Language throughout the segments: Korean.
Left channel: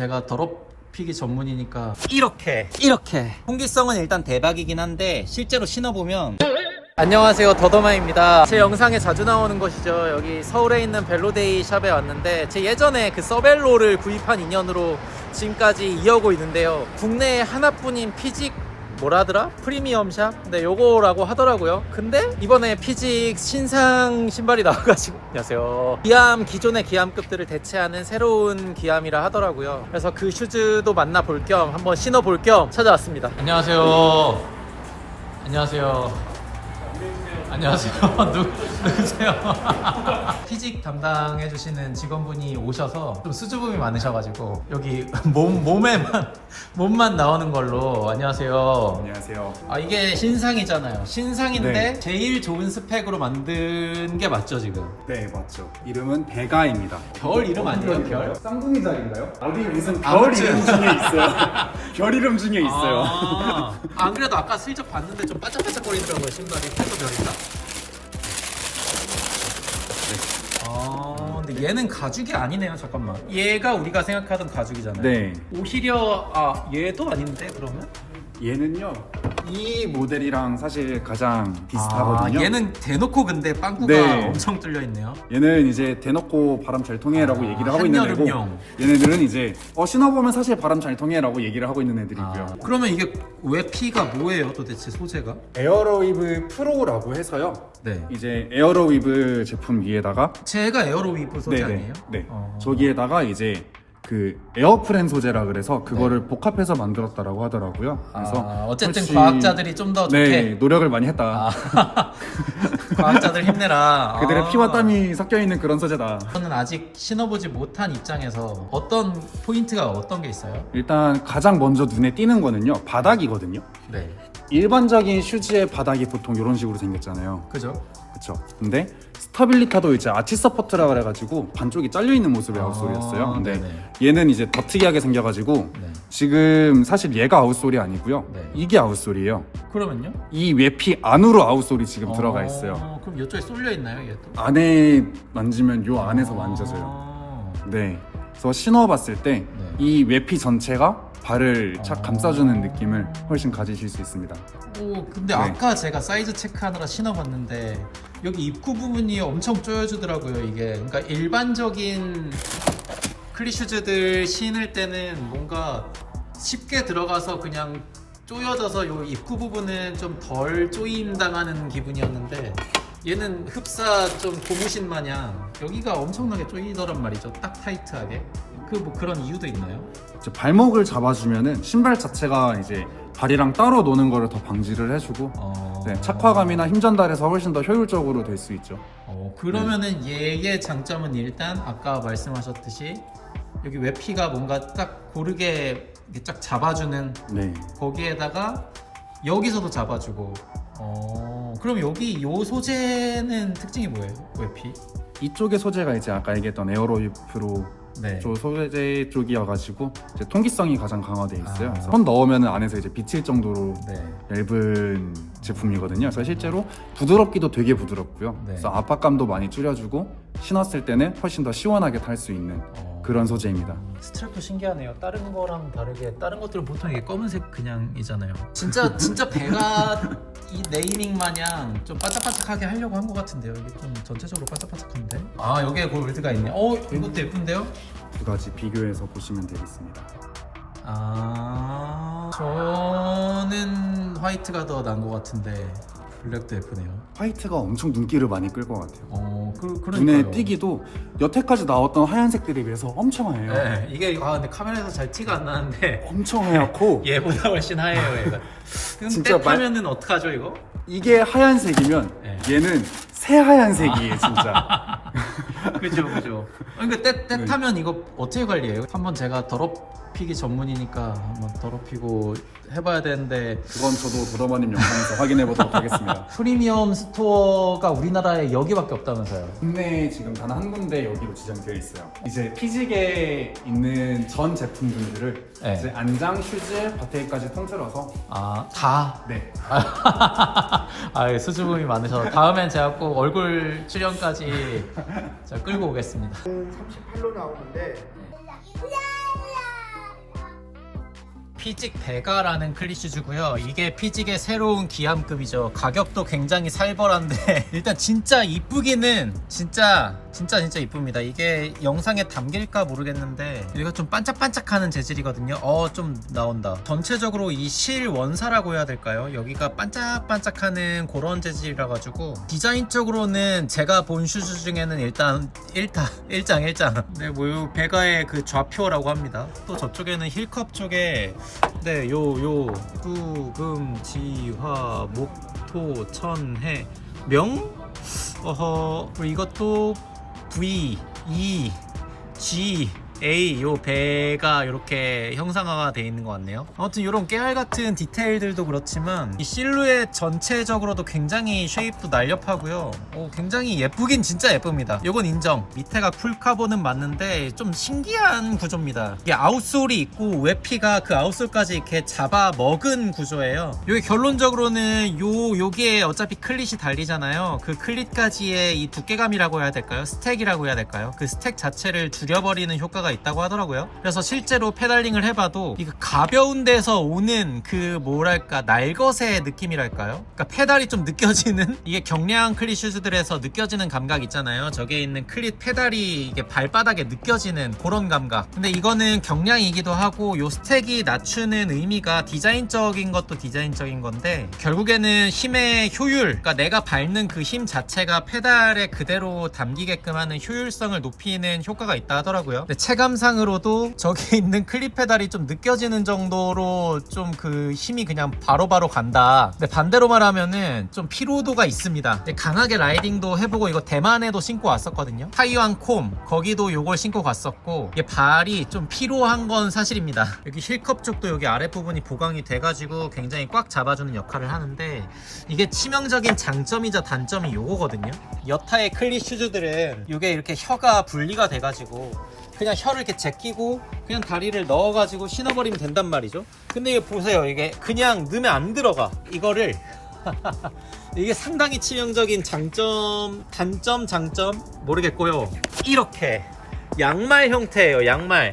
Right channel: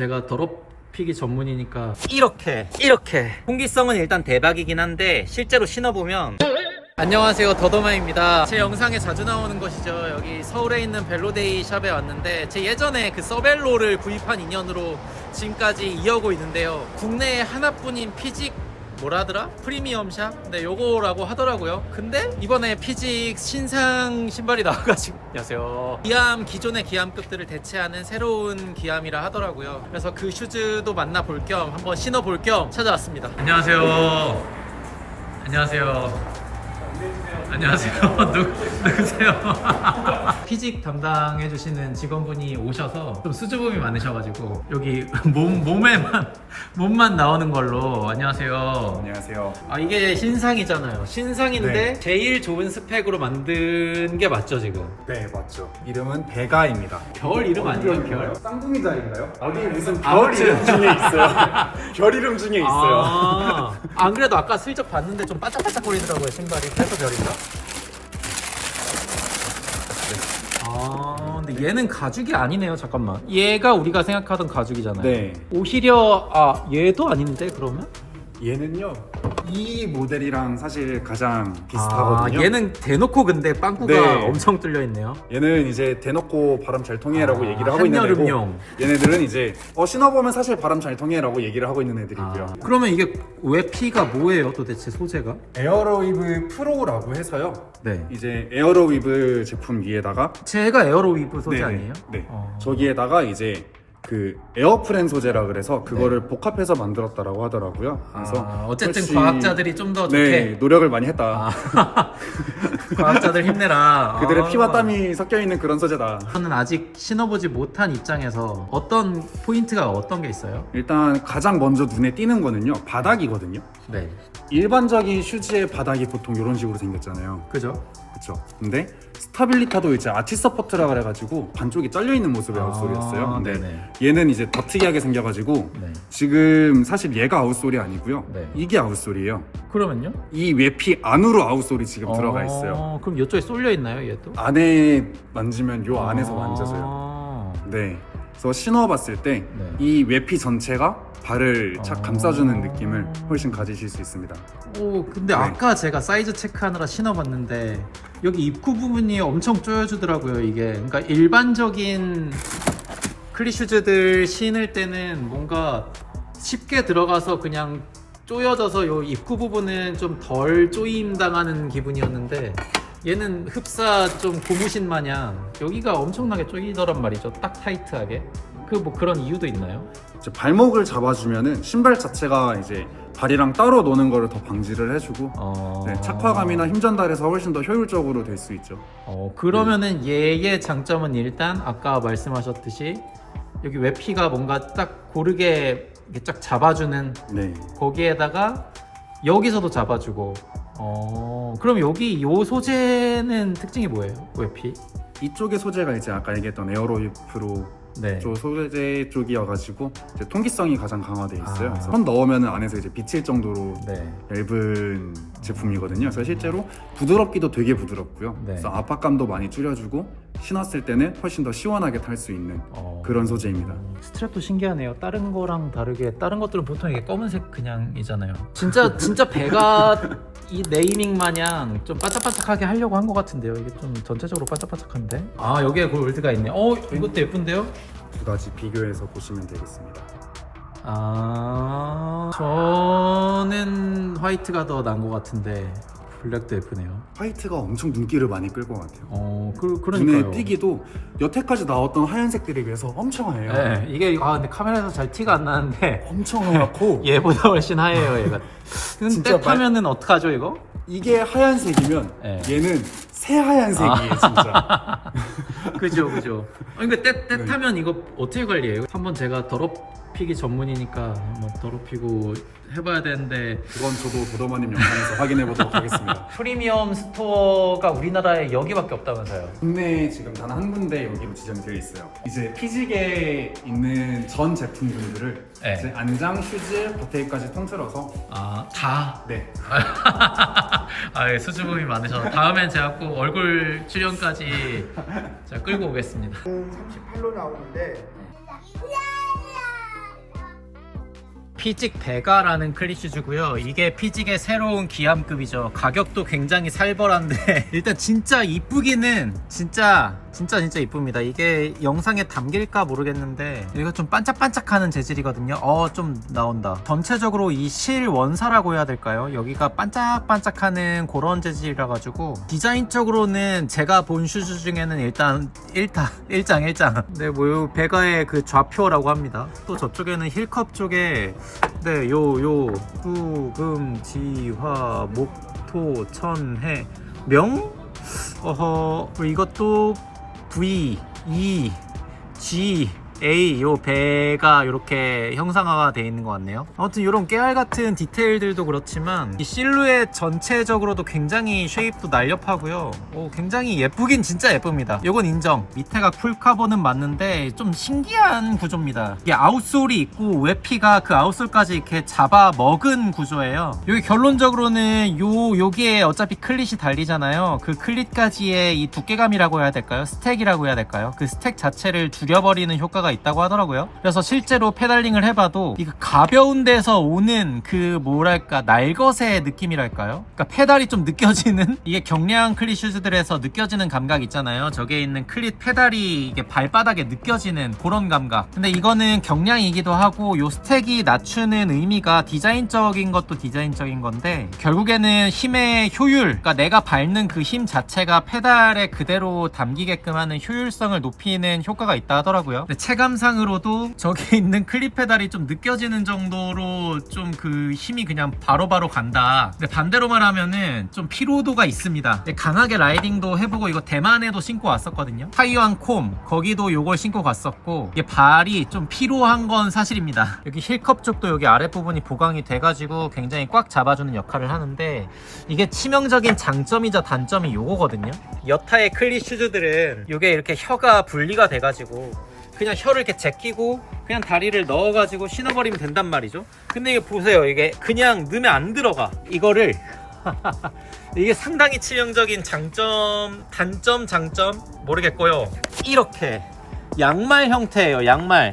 제가 더럽히기 전문이니까 이렇게 통기성은 일단 대박이긴 한데 실제로 신어보면 안녕하세요, 더더마입니다. 제 영상에 자주 나오는 곳이죠. 여기 서울에 있는 벨로데이 샵에 왔는데 제 예전에 그 서벨로를 구입한 인연으로 지금까지 이어오고 있는데요. 국내에 하나뿐인 피직 뭐라더라? 프리미엄 샵? 네, 요거라고 하더라고요. 근데 이번에 피직 신상 신발이 나와가지고 안녕하세요. 기암, 기존의 기암급들을 대체하는 새로운 기암이라 하더라고요. 그래서 그 슈즈도 만나볼 겸 한번 신어볼 겸 찾아왔습니다. 안녕하세요. 안녕하세요. 누구세요? 피직 담당해주시는 직원분이 오셔서 좀 수줍음이 많으셔가지고 여기 몸만 나오는 걸로. 안녕하세요. 안녕하세요. 아, 이게 신상이잖아요. 신상인데 네. 제일 좋은 스펙으로 만든 게 맞죠 지금? 네, 맞죠. 이름은 베가입니다. 별 이름 아니에요? 별? 쌍둥이자인가요? 어디 무슨 별 아무튼. 이름 중에 있어요. 별 이름 중에 있어요. 안 그래도 아까 슬쩍 봤는데 좀 반짝반짝거리더라고요 신발이. 그래서 별인가? 근데 얘는 가죽이 아니네요. 잠깐만, 얘가 우리가 생각하던 가죽이잖아요. 네. 오히려 얘도 아닌데 그러면? 얘는요. 이 모델이랑 사실 가장 비슷하거든요. 얘는 대놓고 근데 빵꾸가 네. 엄청 뚫려 있네요. 얘는 이제 대놓고 바람 잘 통해라고 얘기를 하고 있는 애고, 한여름용. 얘네들은 이제 신어보면 사실 바람 잘 통해라고 얘기를 하고 있는 애들이고요. 그러면 이게 웨피가 뭐예요 도대체 소재가? 에어로위브 프로라고 해서요. 네. 이제 에어로위브 제품 위에다가 제가 에어로위브 소재 네네. 아니에요? 네. 저기에다가 이제 그 에어프렌 소재라 그래서 그거를 복합해서 만들었다라고 하더라고요. 그래서 어쨌든 혹시- 과학자들이 좀 더 좋게. 네, 노력을 많이 했다. 과학자들 힘내라. 그들의 피와 땀이 섞여 있는 그런 소재다. 저는 아직 신어보지 못한 입장에서 어떤 포인트가 어떤 게 있어요? 일단 가장 먼저 눈에 띄는 거는요, 바닥이거든요. 네. 일반적인 슈즈의 바닥이 보통 이런 식으로 생겼잖아요. 그죠? 그렇죠. 근데 스타빌리타도 이제 아치 서포트라 그래가지고 반쪽이 잘려 있는 모습의 아웃솔이었어요. 근데 네네. 얘는 이제 더 특이하게 생겨가지고 네. 지금 사실 얘가 아웃솔이 아니고요. 네. 이게 아웃솔이에요. 그러면요? 이 웨피 안으로 아웃솔이 지금 들어가 있어요. 그럼 이쪽에 쏠려 있나요, 얘도? 안에 만지면 요 안에서 만져져요. 네. 그래서 신어봤을 때 이 웨피 전체가 발을 착 감싸주는 느낌을 훨씬 가지실 수 있습니다. 근데 네. 아까 제가 사이즈 체크하느라 신어봤는데 여기 입구 부분이 엄청 조여주더라고요. 이게 그러니까 일반적인 클리슈즈들 신을 때는 뭔가 쉽게 들어가서 그냥 조여져서 요 입구 부분은 좀 덜 조임 당하는 기분이었는데 얘는 흡사 좀 고무신 마냥 여기가 엄청나게 조이더란 말이죠. 딱 타이트하게. 뭐 그런 이유도 있나요? 이제 발목을 잡아주면은 신발 자체가 이제 발이랑 따로 노는 거를 더 방지를 해주고 네, 착화감이나 힘 전달에서 훨씬 더 효율적으로 될 수 있죠. 그러면은 얘의 장점은 일단 아까 말씀하셨듯이 여기 웨피가 뭔가 딱 고르게 이렇게 쫙 잡아주는, 네. 거기에다가 여기서도 잡아주고. 그럼 여기 요 소재는 특징이 뭐예요? 웨피? 이쪽의 소재가 이제 아까 얘기했던 에어로이 프로 네. 쪽 소재 쪽이어가지고 이제 통기성이 가장 강화돼 있어요. 아. 그래서 손 넣으면 안에서 이제 비칠 정도로 네. 얇은 제품이거든요. 그래서 실제로 부드럽기도 되게 부드럽고요. 네. 그래서 압박감도 많이 줄여주고 신었을 때는 훨씬 더 시원하게 탈 수 있는 그런 소재입니다. 스트랩도 신기하네요. 다른 거랑 다르게 다른 것들은 보통 이게 검은색 그냥이잖아요. 진짜 배가 이 네이밍 마냥 좀 반짝반짝하게 하려고 한 것 같은데요. 이게 좀 전체적으로 반짝반짝한데. 여기에 골드가 있네. 이것도 예쁜데요? 두 가지 비교해서 보시면 되겠습니다. 저는 화이트가 더 나은 것 같은데 블랙도 예쁘네요. 화이트가 엄청 눈길을 많이 끌 것 같아요. 그러니까요. 눈에 띄기도 여태까지 나왔던 하얀색들에 비해서 엄청 하얘요. 네, 이게 근데 카메라에서 잘 티가 안 나는데 엄청 하얗고 얘보다 훨씬 하얘요, 얘가. 진짜 떼타면은 어떡하죠, 이거? 이게 하얀색이면 네. 얘는 새하얀색이에요, 진짜. 그죠. 그러니까 떼타면 이거 어떻게 관리해요? 한번 제가 더럽히기 전문이니까 한번 더럽히고 해봐야 되는데. 그건 저도 도더마님 영상에서 확인해 보도록 하겠습니다. 프리미엄 스토어가 우리나라에 여기밖에 없다면서요? 국내에 지금 단 한 군데 여기로 지정되어 있어요. 이제 피직에 있는 전 제품군들을 네. 이제 안장, 슈즈, 바테이까지 통틀어서 다? 네. 수줍음이 많으셔서 다음엔 제가 꼭 얼굴 출연까지 제가 끌고 오겠습니다. 38로 나오는데 피직 베가라는 클릿 슈즈고요. 이게 피직의 새로운 기함급이죠. 가격도 굉장히 살벌한데 일단 진짜 이쁘기는 진짜 이쁩니다. 이게 영상에 담길까 모르겠는데 여기가 좀 반짝반짝하는 재질이거든요. 좀 나온다. 전체적으로 이 실 원사라고 해야 될까요? 여기가 반짝반짝하는 그런 재질이라 가지고 디자인적으로는 제가 본 슈즈 중에는 일단 일장 네, 뭐 베가의 그 좌표라고 합니다. 또 저쪽에는 힐컵 쪽에 네, 요 뚜금 지화 목토 천해 명 이것도 V, E, G, A 요 배가 이렇게 형상화가 되어 있는 것 같네요. 아무튼 이런 깨알 같은 디테일들도 그렇지만 이 실루엣 전체적으로도 굉장히 쉐입도 날렵하고요. 굉장히 예쁘긴 진짜 예쁩니다. 요건 인정. 밑에가 풀카본은 맞는데 좀 신기한 구조입니다. 이게 아웃솔이 있고 외피가 그 아웃솔까지 이렇게 잡아 먹은 구조예요. 여기 결론적으로는 여기에 어차피 클릿이 달리잖아요. 그 클릿까지의 이 두께감이라고 해야 될까요? 스택이라고 해야 될까요? 그 스택 자체를 줄여버리는 효과가 있다고 하더라고요. 그래서 실제로 페달링을 해봐도 이거 가벼운 데서 오는 그 뭐랄까 날것의 느낌이랄까요? 그러니까 페달이 좀 느껴지는 이게 경량 클릿 슈즈들에서 느껴지는 감각 있잖아요. 저기에 있는 클릿 페달이 이게 발바닥에 느껴지는 그런 감각. 근데 이거는 경량이기도 하고 요 스택이 낮추는 의미가 디자인적인 것도 디자인적인 건데 결국에는 힘의 효율, 그러니까 내가 밟는 그 힘 자체가 페달에 그대로 담기게끔 하는 효율성을 높이는 효과가 있다 하더라고요. 근데 체감상으로도 저기 있는 클립 페달이 좀 느껴지는 정도로 좀 그 힘이 그냥 바로바로 간다. 근데 반대로 말하면은 좀 피로도가 있습니다. 강하게 라이딩도 해보고 이거 대만에도 신고 왔었거든요. 타이완 콤 거기도 요걸 신고 갔었고 이게 발이 좀 피로한 건 사실입니다. 여기 힐컵 쪽도 여기 아랫부분이 보강이 돼가지고 굉장히 꽉 잡아주는 역할을 하는데 이게 치명적인 장점이자 단점이 요거거든요. 여타의 클릿 슈즈들은 요게 이렇게 혀가 분리가 돼가지고 그냥 혀를 이렇게 제끼고 그냥 다리를 넣어가지고 신어버리면 된단 말이죠. 근데 이거 보세요. 이게 그냥 넣으면 안 들어가. 이거를 이게 상당히 치명적인 장점, 단점, 장점 모르겠고요. 이렇게 양말 형태예요. 양말.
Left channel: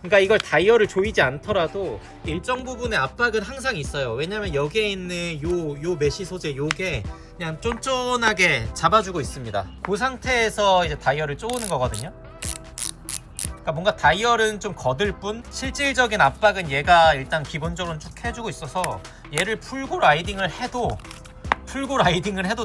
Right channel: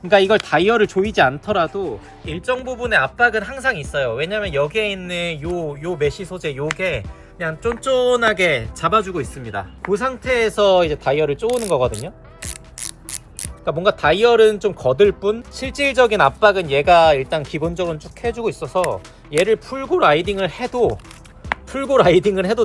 그러니까 이걸 다이얼을 조이지 않더라도 일정 부분의 압박은 항상 있어요. 왜냐면 여기에 있는 요 메쉬 소재 요게 그냥 쫀쫀하게 잡아주고 있습니다. 그 상태에서 이제 다이얼을 쪼는 거거든요. 그러니까 뭔가 다이얼은 좀 거들 뿐 실질적인 압박은 얘가 일단 기본적으로 쭉 해주고 있어서 얘를 풀고 라이딩을 해도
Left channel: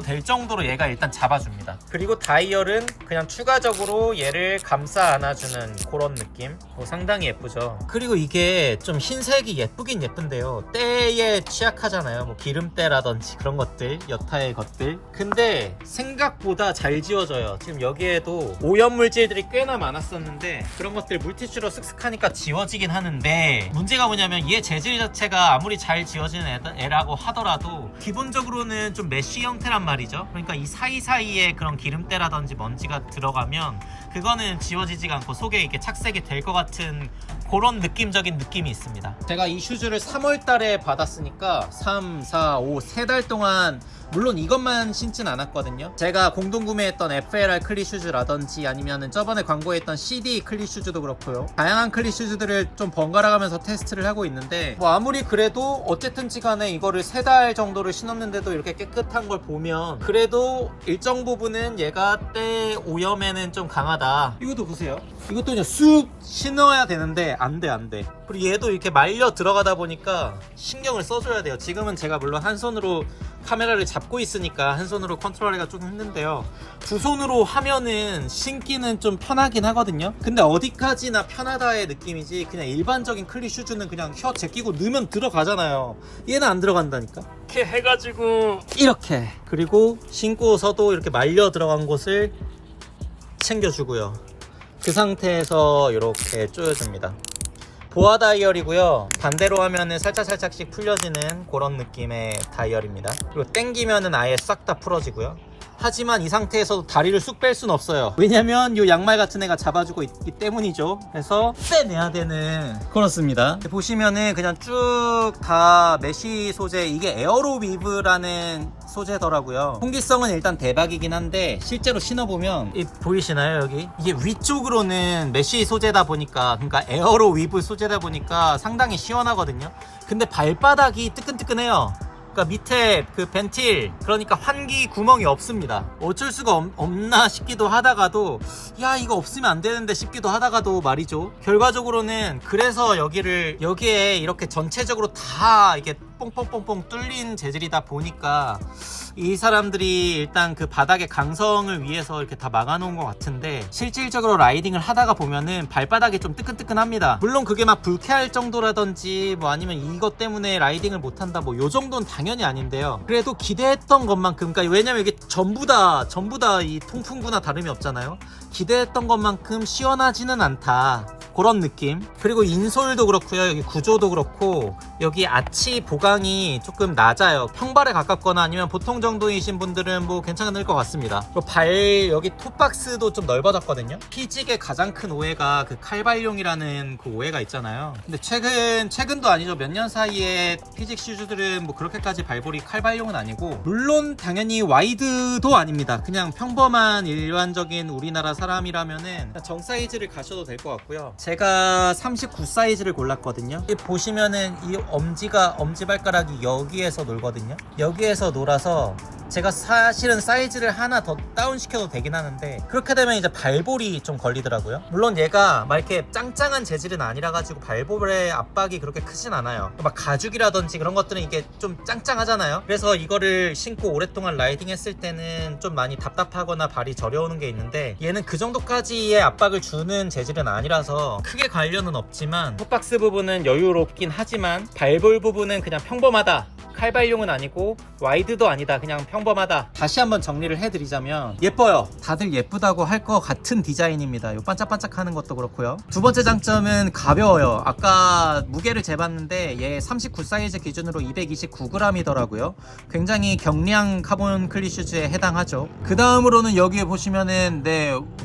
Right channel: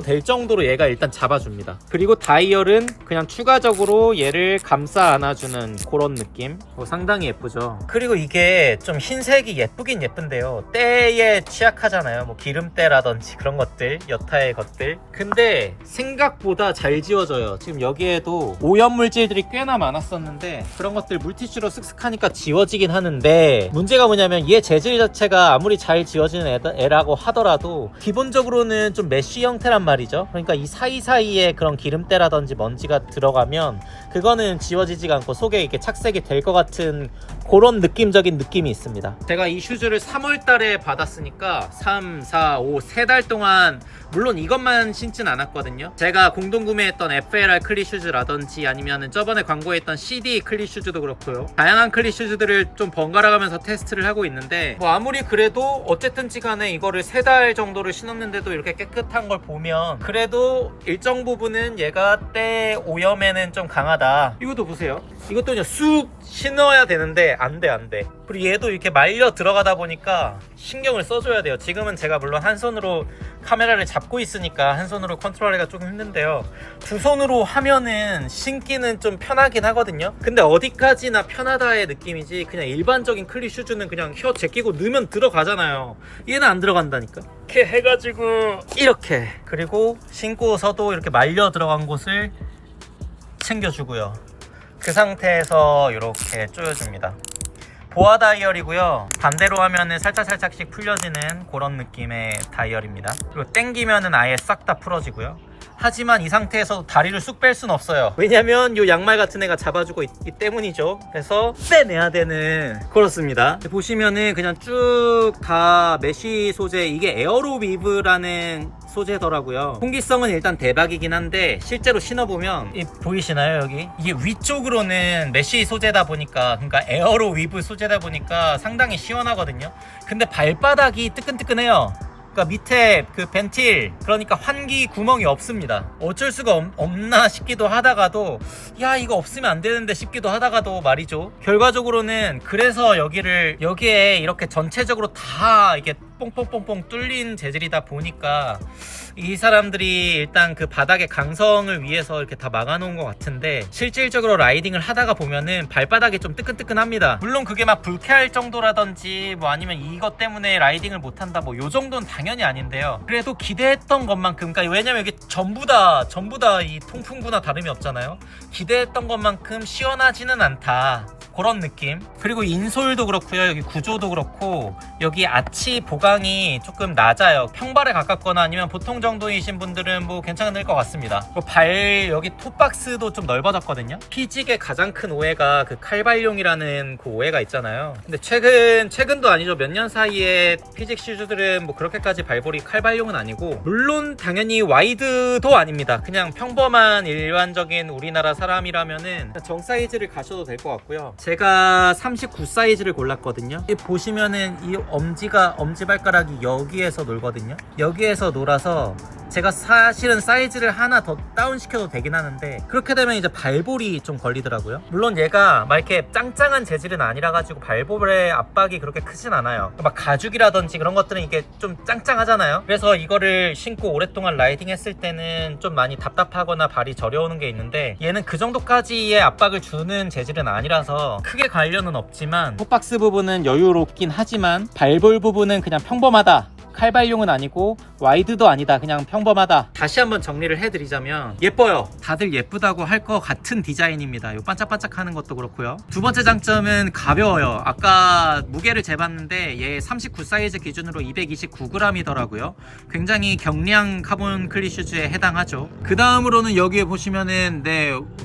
될 정도로 얘가 일단 잡아줍니다. 그리고 다이얼은 그냥 추가적으로 얘를 감싸 안아주는 그런 느낌. 상당히 예쁘죠. 그리고 이게 좀 흰색이 예쁘긴 예쁜데요. 때에 취약하잖아요. 뭐 기름때라든지 그런 것들, 여타의 것들. 근데 생각보다 잘 지워져요. 지금 여기에도 오염물질들이 꽤나 많았었는데 그런 것들 물티슈로 쓱쓱 하니까 지워지긴 하는데 문제가 뭐냐면 얘 재질 자체가 아무리 잘 지워지는 애라고 하더라도 기본적으로는 좀 메쉬 형태란 말이죠. 그러니까 이 사이사이에 그런 기름때라든지 먼지가 들어가면 그거는 지워지지가 않고 속에 이렇게 착색이 될 것 같은 그런 느낌적인 느낌이 있습니다. 제가 이 슈즈를 3월 달에 받았으니까 3, 4, 5, 3달 동안 물론 이것만 신진 않았거든요. 제가 공동 구매했던 FLR 클릿 슈즈라든지 아니면은 저번에 광고했던 CD 클릿 슈즈도 그렇고요. 다양한 클릿 슈즈들을 좀 번갈아 가면서 테스트를 하고 있는데 뭐 아무리 그래도 어쨌든지 간에 이거를 3달 정도를 신었는데도 이렇게 깨끗한 걸 보면 그래도 일정 부분은 얘가 때 오염에는 좀 강하다. 이것도 보세요. 이것도 그냥 쑥 신어야 되는데 안 돼. 그리고 얘도 이렇게 말려 들어가다 보니까 신경을 써줘야 돼요. 지금은 제가 물론 한 손으로 카메라를 잡고 있으니까 한 손으로 컨트롤하기가 조금 힘든데요. 두 손으로 하면은 신기는 좀 편하긴 하거든요. 근데 어디까지나 편하다의 느낌이지 그냥 일반적인 클릿 슈즈는 그냥 혀 제끼고 넣으면 들어가잖아요. 얘는 안 들어간다니까. 이렇게 해가지고 이렇게 그리고 신고서도 이렇게 말려 들어간 곳을 챙겨주고요. 그 상태에서 이렇게 조여줍니다. 보아 다이얼이고요. 반대로 하면은 살짝씩 풀려지는 그런 느낌의 다이얼입니다. 그리고 당기면은 아예 싹 다 풀어지고요. 하지만 이 상태에서도 다리를 쑥 뺄 수는 없어요. 왜냐면 이 양말 같은 애가 잡아주고 있기 때문이죠. 그래서 빼내야 되는, 그렇습니다. 보시면은 그냥 쭉 다 메쉬 소재, 이게 에어로 위브라는 소재더라고요. 통기성은 일단 대박이긴 한데 실제로 신어보면 보이시나요? 여기 이게 위쪽으로는 메쉬 소재다 보니까, 그러니까 에어로 위브 소재다 보니까 상당히 시원하거든요. 근데 발바닥이 뜨끈뜨끈해요. 그러니까 밑에 그 벤틸, 그러니까 환기 구멍이 없습니다. 어쩔 수가 없나 싶기도 하다가도 야 이거 없으면 안 되는데 싶기도 하다가도 말이죠. 결과적으로는 그래서 여기에 이렇게 전체적으로 다 이게 뽕뽕뽕뽕 뚫린 재질이다 보니까 이 사람들이 일단 그 바닥의 강성을 위해서 이렇게 다 막아놓은 것 같은데, 실질적으로 라이딩을 하다가 보면은 발바닥이 좀 뜨끈뜨끈합니다. 물론 그게 막 불쾌할 정도라든지 뭐 아니면 이것 때문에 라이딩을 못한다 뭐 요 정도는 당연히 아닌데요. 그래도 기대했던 것만큼, 그러니까 왜냐면 이게 전부 다 이 통풍구나 다름이 없잖아요. 기대했던 것만큼 시원하지는 않다, 그런 느낌. 그리고 인솔도 그렇고요, 여기 구조도 그렇고 여기 아치 보강이 조금 낮아요. 평발에 가깝거나 아니면 보통 정도이신 분들은 뭐 괜찮을 것 같습니다. 발 여기 톱박스도 좀 넓어졌거든요. 피직의 가장 큰 오해가 그 칼발용이라는 그 오해가 있잖아요. 근데 최근도 아니죠, 몇 년 사이에 피직 슈즈들은 뭐 그렇게까지 발볼이 칼발용은 아니고, 물론 당연히 와이드도 아닙니다. 그냥 평범한 일반적인 우리나라 사람이라면은 정 사이즈를 가셔도 될 것 같고요. 제가 39 사이즈를 골랐거든요. 보시면은 이 엄지발가락이 여기에서 놀거든요. 여기에서 놀아서 제가 사실은 사이즈를 하나 더 다운시켜도 되긴 하는데, 그렇게 되면 이제 발볼이 좀 걸리더라고요. 물론 얘가 막 이렇게 짱짱한 재질은 아니라 가지고 발볼의 압박이 그렇게 크진 않아요. 막 가죽이라든지 그런 것들은 이게 좀 짱짱하잖아요. 그래서 이거를 신고 오랫동안 라이딩 했을 때는 좀 많이 답답하거나 발이 저려오는 게 있는데, 얘는 그 정도까지의 압박을 주는 재질은 아니라서 크게 관련은 없지만, 톱박스 부분은 여유롭긴 하지만 발볼 부분은 그냥 평범하다, 칼발용은 아니고 와이드도 아니다, 그냥 평범하다. 다시 한번 정리를 해드리자면 예뻐요. 다들 예쁘다고 할 것 같은 디자인입니다. 요 반짝반짝하는 것도 그렇고요. 두 번째 장점은 가벼워요. 아까 무게를 재봤는데 얘 39 사이즈 기준으로 229g이더라고요. 굉장히 경량 카본 클리 슈즈에 해당하죠. 그 다음으로는 여기에 보시면은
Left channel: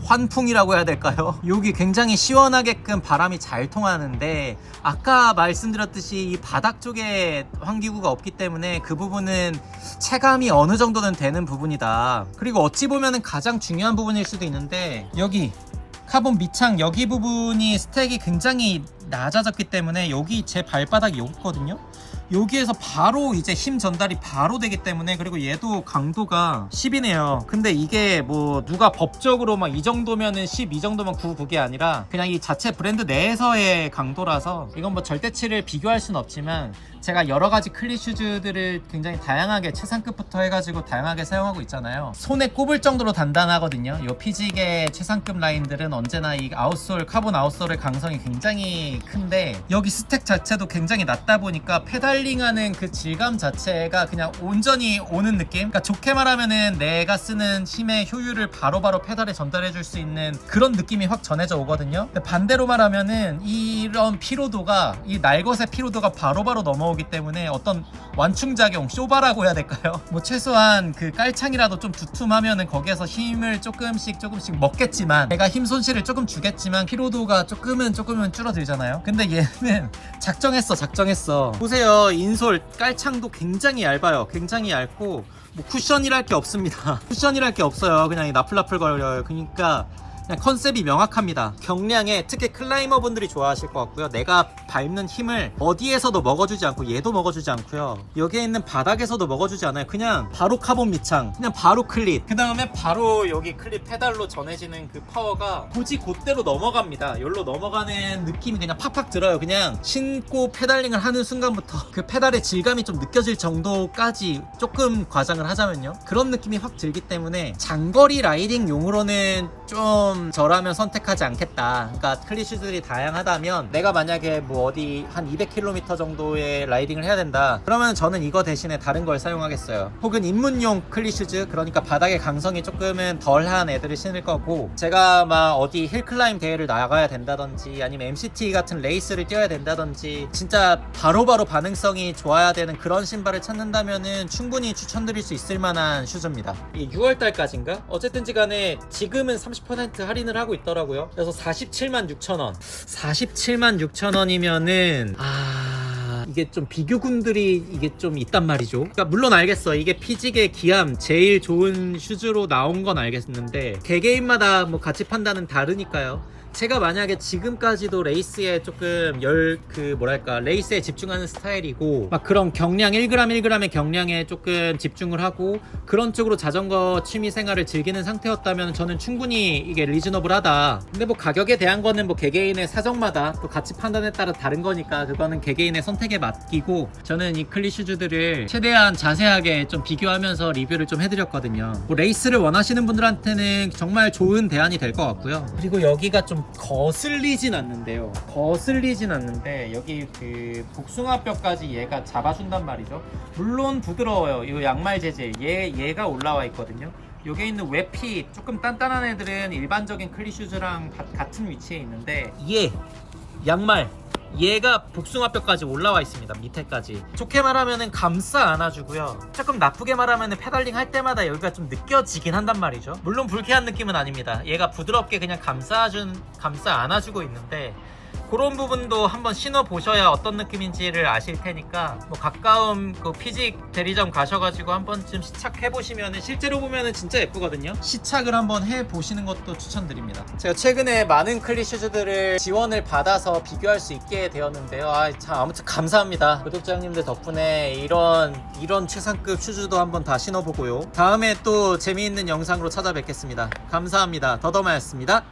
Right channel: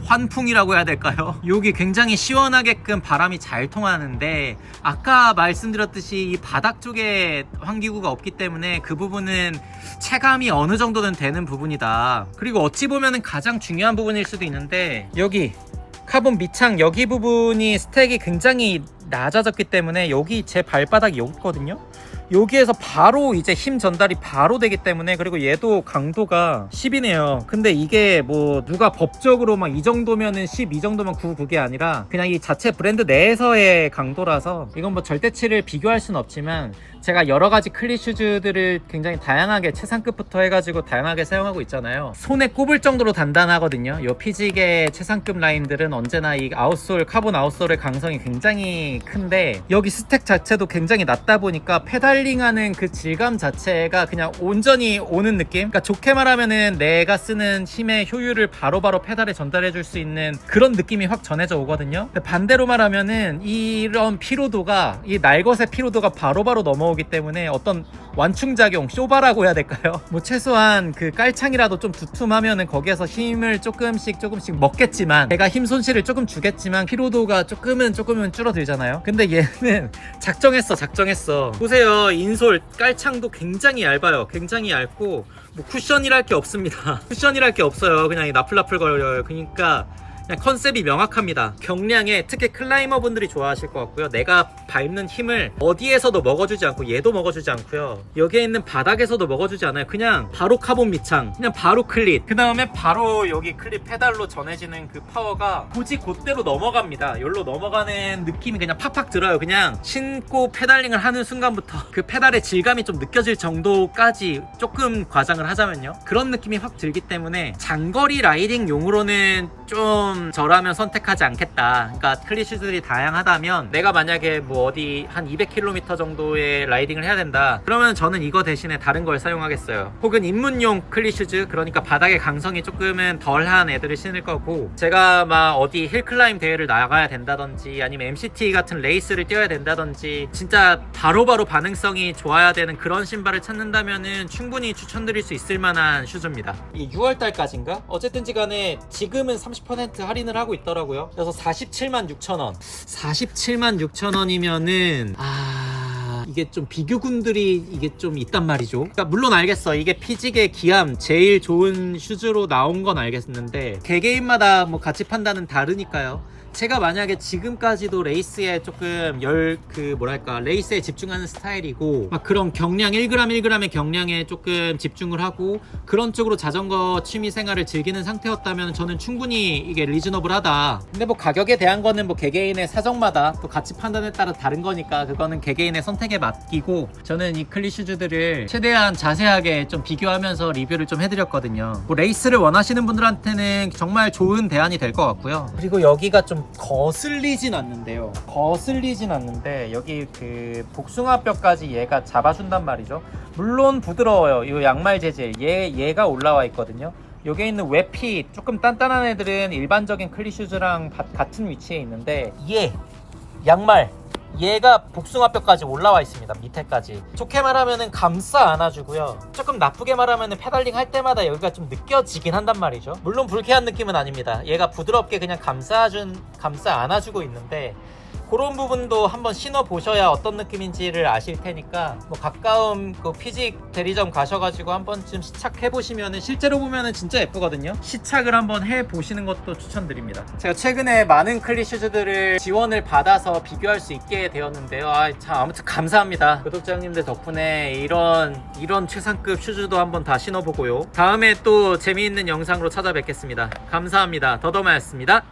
환풍이라고 해야 될까요? 여기 굉장히 시원하게끔 바람이 잘 통하는데, 아까 말씀드렸듯이 이 바닥 쪽에 환기구가 없기 때문에 그 부분은 체감이 어느 정도는 되는 부분이다. 그리고 어찌 보면은 가장 중요한 부분일 수도 있는데, 여기 카본 밑창 여기 부분이 스택이 굉장히 낮아졌기 때문에 여기 제 발바닥이 여기 있거든요. 여기에서 바로 이제 힘 전달이 바로 되기 때문에, 그리고 얘도 강도가 10이네요. 근데 이게 뭐 누가 법적으로 막 이 정도면은 10, 이 정도면 9 그게 아니라 그냥 이 자체 브랜드 내에서의 강도라서, 이건 뭐 절대치를 비교할 수는 없지만 제가 여러 가지 클리 슈즈들을 굉장히 다양하게 최상급부터 해가지고 다양하게 사용하고 있잖아요. 손에 꼽을 정도로 단단하거든요. 이 피직의 최상급 라인들은 언제나 이 아웃솔, 카본 아웃솔의 강성이 굉장히 큰데, 여기 스택 자체도 굉장히 낮다 보니까 페달링하는 그 질감 자체가 그냥 온전히 오는 느낌? 그러니까 좋게 말하면은 내가 쓰는 힘의 효율을 바로바로 페달에 전달해 줄 수 있는 그런 느낌이 확 전해져 오거든요. 근데 반대로 말하면은 이런 피로도가, 이 날것의 피로도가 바로바로 넘어오기 때문에 어떤 완충작용, 쇼바라고 해야 될까요? 뭐 최소한 그 깔창이라도 좀 두툼하면은 거기에서 힘을 조금씩 먹겠지만, 제가 힘 손실을 조금 주겠지만 피로도가 조금은 줄어들잖아요. 근데 얘는 작정했어. 보세요, 인솔 깔창도 굉장히 얇아요. 굉장히 얇고 뭐 쿠션이랄 게 없습니다. 쿠션이랄 게 없어요. 그냥 나풀나풀 거려요. 그러니까 그냥 컨셉이 명확합니다. 경량에 특히 클라이머 분들이 좋아하실 것 같고요. 내가 밟는 힘을 어디에서도 먹어주지 않고, 얘도 먹어주지 않고요. 여기에 있는 바닥에서도 먹어주지 않아요. 그냥 바로 카본 밑창, 그냥 바로 클릿, 그 다음에 바로 여기 클릿 페달로 전해지는 그 파워가 굳이 그대로 넘어갑니다. 여기로 넘어가는 느낌이 그냥 팍팍 들어요. 그냥 신고 페달링을 하는 순간부터 그 페달의 질감이 좀 느껴질 정도까지, 조금 과장을 하자면요, 그런 느낌이 확 들기 때문에 장거리 라이딩 용으로는 좀 좀 저라면 선택하지 않겠다. 그러니까 클리 슈즈들이 다양하다면 내가 만약에 뭐 어디 한 200km 정도의 라이딩을 해야 된다. 그러면 저는 이거 대신에 다른 걸 사용하겠어요. 혹은 입문용 클리 슈즈, 그러니까 바닥의 강성이 조금은 덜한 애들을 신을 거고, 제가 막 어디 힐클라임 대회를 나가야 된다든지 아니면 MCT 같은 레이스를 뛰어야 된다든지 진짜 바로바로 반응성이 좋아야 되는 그런 신발을 찾는다면은 충분히 추천드릴 수 있을 만한 슈즈입니다. 이 6월달까지인가? 어쨌든지 간에 지금은 30% 할인을 하고 있더라고요. 그래서 476,000원. 476,000원이면은 이게 좀 비교군들이 이게 좀 있단 말이죠. 그러니까 물론 알겠어. 이게 피직의 기암 제일 좋은 슈즈로 나온 건 알겠는데 개개인마다 뭐 가치 판단은 다르니까요. 제가 만약에 지금까지도 레이스에 조금 레이스에 집중하는 스타일이고 막 그런 경량 1g 1g의 경량에 조금 집중을 하고 그런 쪽으로 자전거 취미 생활을 즐기는 상태였다면 저는 충분히 이게 리즈너블하다. 근데 뭐 가격에 대한 거는 뭐 개개인의 사정마다 또 가치 판단에 따라 다른 거니까 그거는 개개인의 선택에 맡기고, 저는 이 클리 슈즈들을 최대한 자세하게 좀 비교하면서 리뷰를 좀 해드렸거든요. 뭐 레이스를 원하시는 분들한테는 정말 좋은 대안이 될 것 같고요. 그리고 여기가 좀 거슬리진 않는데요. 여기 그 복숭아뼈까지 얘가 잡아준단 말이죠. 물론 부드러워요. 이 양말 재질 얘가 올라와 있거든요. 여기에 있는 웹핏 조금 단단한 애들은 일반적인 클리 슈즈랑 같은 위치에 있는데 양말 얘가 복숭아뼈까지 올라와 있습니다. 밑에까지. 좋게 말하면은 감싸 안아주고요. 조금 나쁘게 말하면은 페달링 할 때마다 여기가 좀 느껴지긴 한단 말이죠. 물론 불쾌한 느낌은 아닙니다. 얘가 부드럽게 그냥 감싸 안아주고 있는데 그런 부분도 한번 신어보셔야 어떤 느낌인지를 아실 테니까 뭐 가까운 그 피직 대리점 가셔가지고 한 번쯤 시착해보시면은 실제로 보면은 진짜 예쁘거든요. 시착을 한번 해보시는 것도 추천드립니다. 제가 최근에 많은 클리 슈즈들을 지원을 받아서 비교할 수 있게 되었는데요. 참 아무튼 감사합니다. 구독자 형님들 덕분에 이런 최상급 슈즈도 한번 다 신어보고요. 다음에 또 재미있는 영상으로 찾아뵙겠습니다. 감사합니다. 더더마였습니다.